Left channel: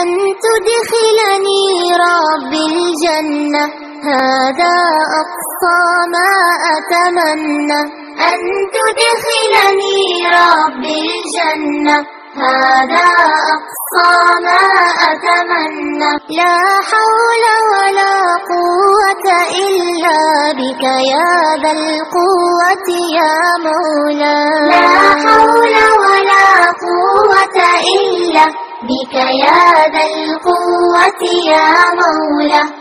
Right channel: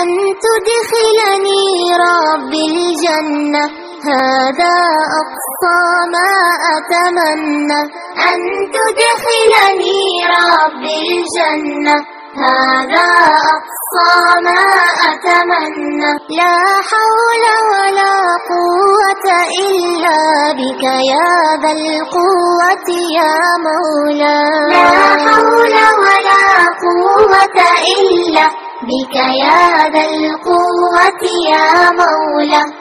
أن تدخلني ربي الجنة، هذا أقصى ما أتمنى. أن تدخلني ربي الجنة، هذا أقصى ما أتمنى. لا حول ولا قوة إلا بك يا ذا القوة يا مولاي. لا حول ولا قوة إلا بك يا ذا القوة يا مولاي.